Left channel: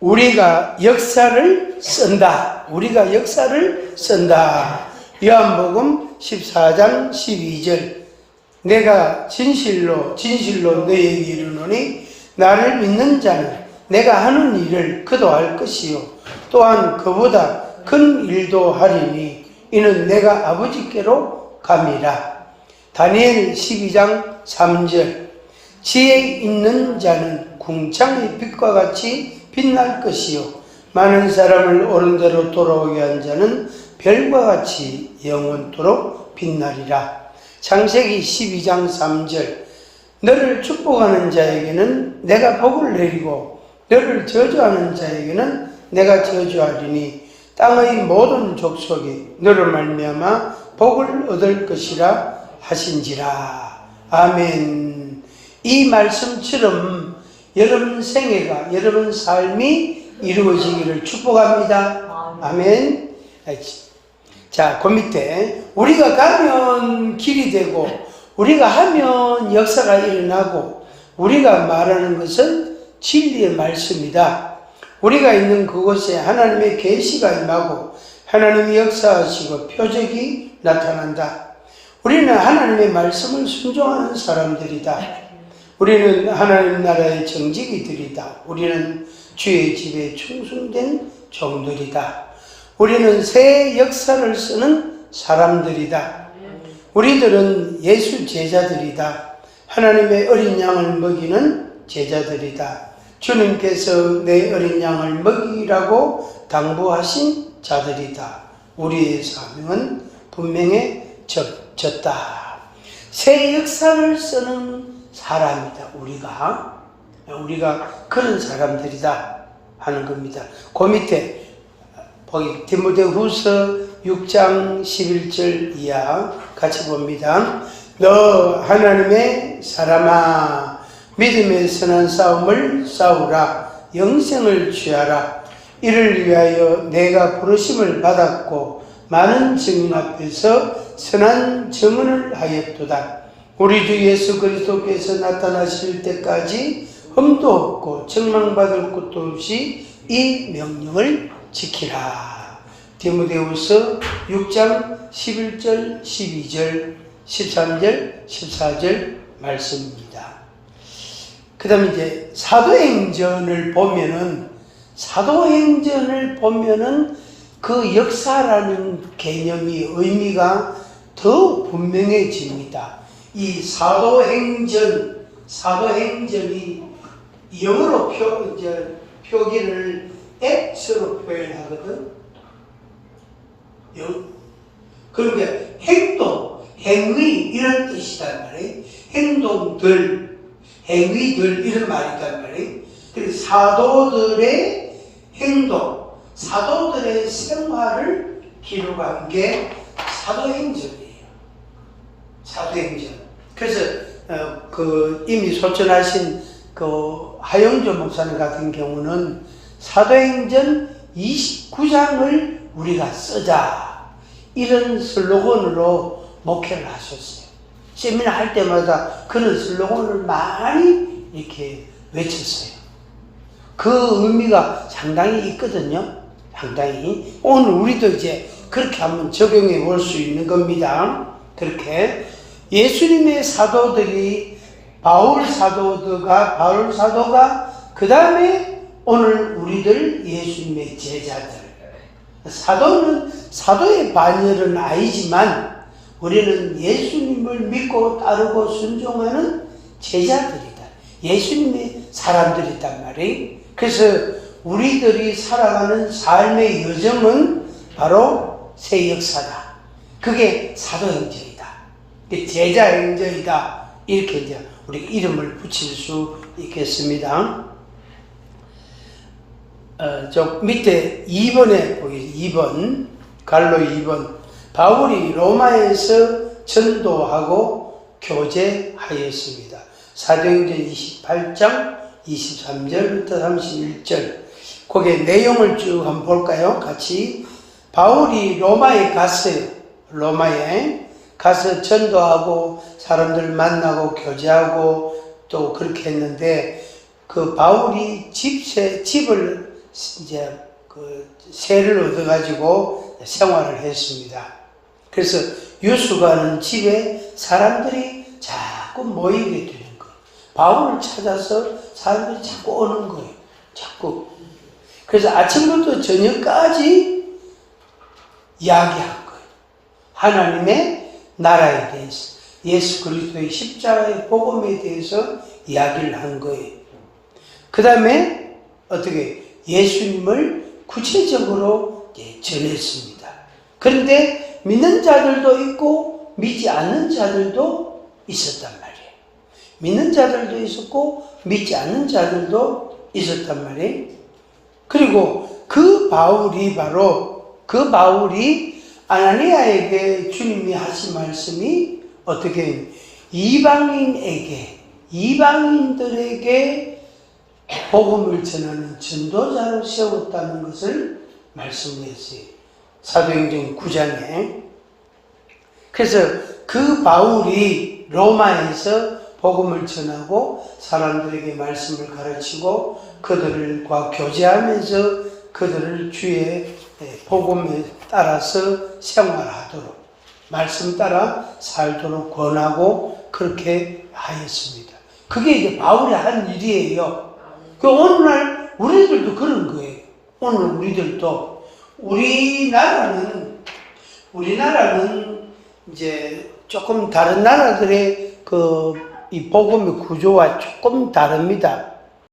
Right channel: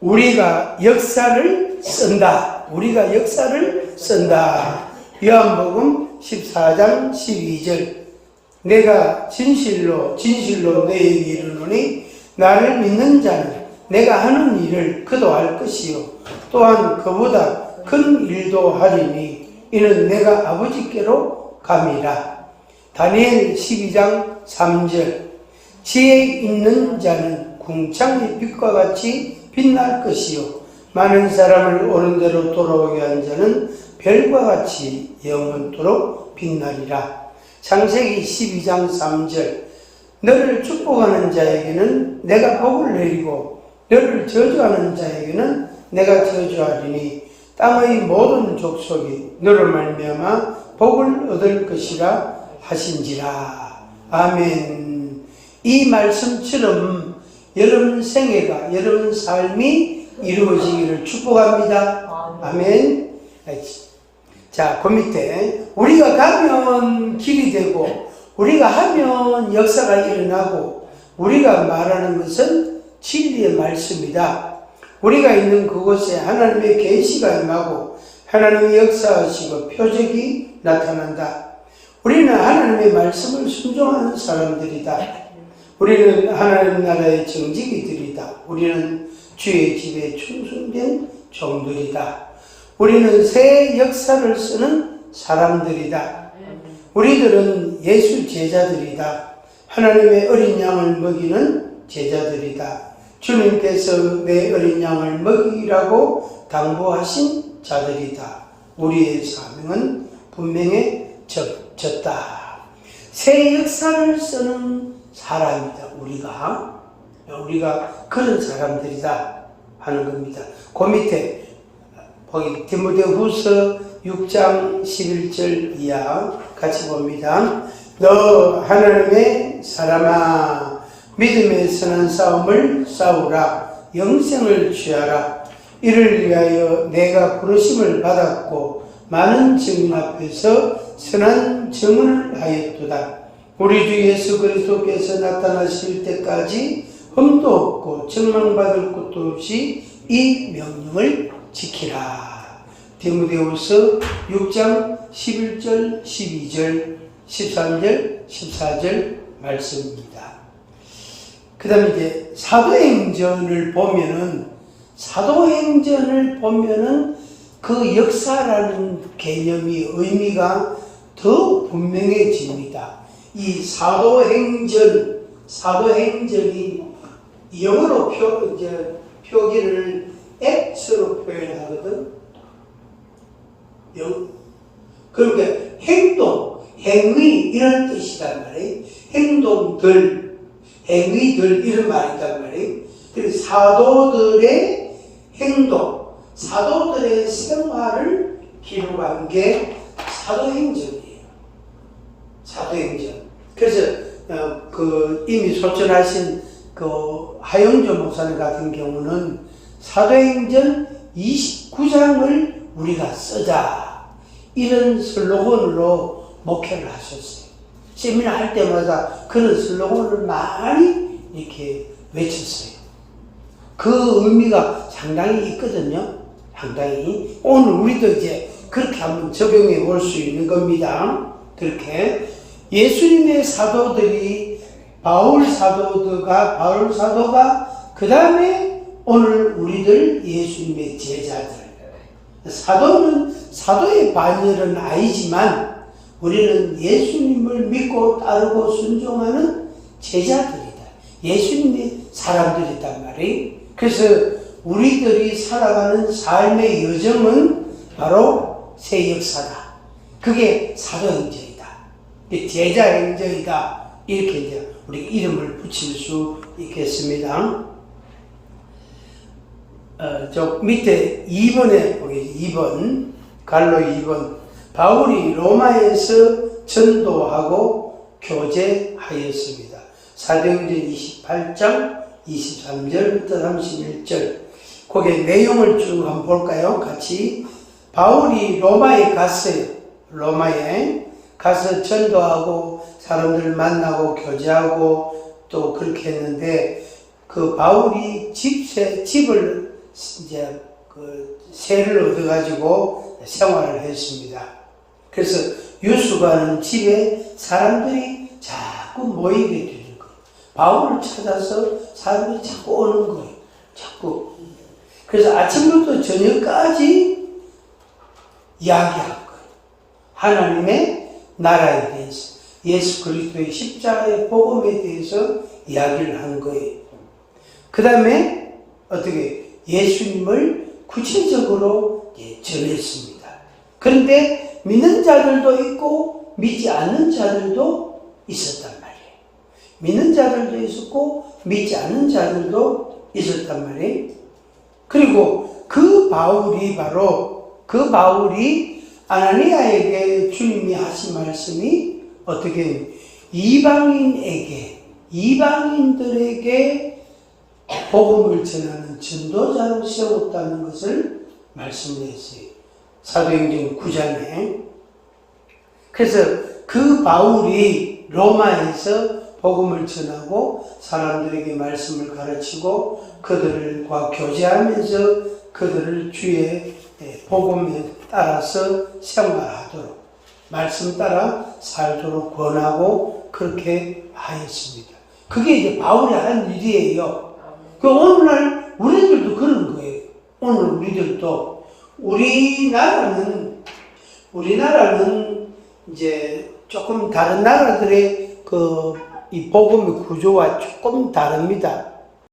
우리가 역사를 쓴다. 우리가 역사를 쓴다. 요한복음 14장 12절. 내가 진실로 너에게 이르노니 나를 믿는 자는 내가 하는 일을 그도 할 것이요 또한 그보다 큰 일도 하리니 이는 내가 아버지께로 감이라. 다니엘 12장 3절. 지혜 있는 자는 궁창의 빛과 같이 빛날 것이요 많은 사람을 옳은 대로 돌아오게 한 자는 별과 같이 영원토록 빛나리라. 창세기 12장 3절. 너를 축복하는 자에게는 내가 복을 내리고 너를 저주하는 자에게는 내가 저주하리니 땅의 모든 족속이 너로 말미암아 복을 얻을 것이라 하신지라. 아멘. 이 말씀처럼 여러분 생애가, 여러분 삶이 이루어지기를 축복합니다. 아멘. 자, 그 밑에 우리가 가면 길이 되고 우리가 하면 역사가 일어나고 우리가 말하는 것은 진리의 말씀이다. 우리가 있는 그곳에 하나님의 계시가 임하고 하나님의 역사하시고 표적이 나타난다. 우리는 하나님의 말씀을 순종하는 사람들이다. 우리는 하나님 나라의 정직이들이다. 우리는 주의 집에 충성된 종들이다. 우리는 새 역사를 쓰는 사람들이다. 우리들은 예수 제자들이다. 하나님의 어린 양을 먹이는 제자들이다. 주님께서 내 어린 양을 먹이라고 당부하신 자들이다. 우리의 사명은 분명해졌다. 새 역사를 쓰는 사람이다. 우리가 그런 사람들이다 하는 겁니다. 그 밑에 보기 디모데후서 6장 11절 이하 같이 봅니다. 너 하나님의 사람아 믿음의 선한 싸움을 싸우라. 영생을 취하라. 이를 위하여 내가 부르심을 받았고 많은 증인 앞에서 선한 증언을 하였도다. 우리 주 예수 그리스도께서 나타나실 때까지 흠도 없고 책망받을 것도 없이 이 명령을 지키라. 디모데후서 6장 11절, 12절, 13절, 14절 말씀입니다. 그 다음에 이제 사도행전을 보면은 그 역사라는 개념이 의미가 더 분명해집니다. 이 사도행전이 영어로 표기를 X로 표현하거든. 그러니까 행위 이런 뜻이단 말이에요. 행위들 이런 말이단 말이에요. 그래서 사도들의 행동, 사도들의 생활을 기록한 게 사도행전이에요. 사도행전. 그래서 이미 소천하신 하영조 목사님 같은 경우는 사도행전 29장을 우리가 쓰자 이런 슬로건으로 목회를 하셨어요. 세미나 할 때마다 그런 슬로건을 많이 이렇게 외쳤어요. 그 의미가 상당히 있거든요. 상당히. 오늘 우리도 이제 그렇게 한번 적용해 볼 수 있는 겁니다. 그렇게 예수님의 사도들이 바울 사도가 그 다음에 오늘 우리들 예수님의 제자들. 사도는 사도의 반열은 아니지만 우리는 예수님을 믿고 따르고 순종하는 제자들이다. 예수님의 사람들이단 말이에요. 그래서 우리들이 살아가는 삶의 여정은 바로 새 역사다. 그게 사도행전이다. 제자행전이다. 이렇게 이제 우리가 이름을 붙일 수 있겠습니다. 저 밑에 2번에 보이죠. 2번, 갈로 2번. 바울이 로마에서 전도하고 교제하였습니다. 사도행전 28장 23절부터 31절. 거기에 내용을 쭉 한번 볼까요? 같이. 바울이 로마에 갔어요. 로마에 가서 전도하고 사람들 만나고 교제하고 또 그렇게 했는데 그 바울이 집을 이제 그 세를 얻어가지고 생활을 했습니다. 그래서 유수가는 집에 사람들이 자꾸 모이게 되는 거예요. 바울을 찾아서 사람들이 자꾸 오는 거예요. 자꾸. 그래서 아침부터 저녁까지 이야기한 거예요. 하나님의 나라에 대해서, 예수 그리스도의 십자가의 복음에 대해서 이야기를 한 거예요. 그 다음에 어떻게 예수님을 구체적으로 전했습니다. 그런데 믿는 자들도 있고 믿지 않는 자들도 있었단 말이에요. 믿는 자들도 있었고 믿지 않는 자들도 있었단 말이에요. 그리고 그 바울이 아나니아에게 주님이 하신 말씀이 어떻게 이방인들에게 복음을 전하는 전도자로 세웠다는 것을 말씀했어요. 사도행전 9장에. 그래서 그 바울이 로마에서 복음을 전하고 사람들에게 말씀을 가르치고 그들과 교제하면서 그들을 주의 복음에 따라서 생활하도록, 말씀 따라 살도록 권하고 그렇게 하였습니다. 그게 이제 바울이 한 일이에요. 그 오늘날 우리들도 그런 거예요. 오늘 우리들도 우리나라는 이제 조금 다른 나라들의 이 복음의 구조와 조금 다릅니다.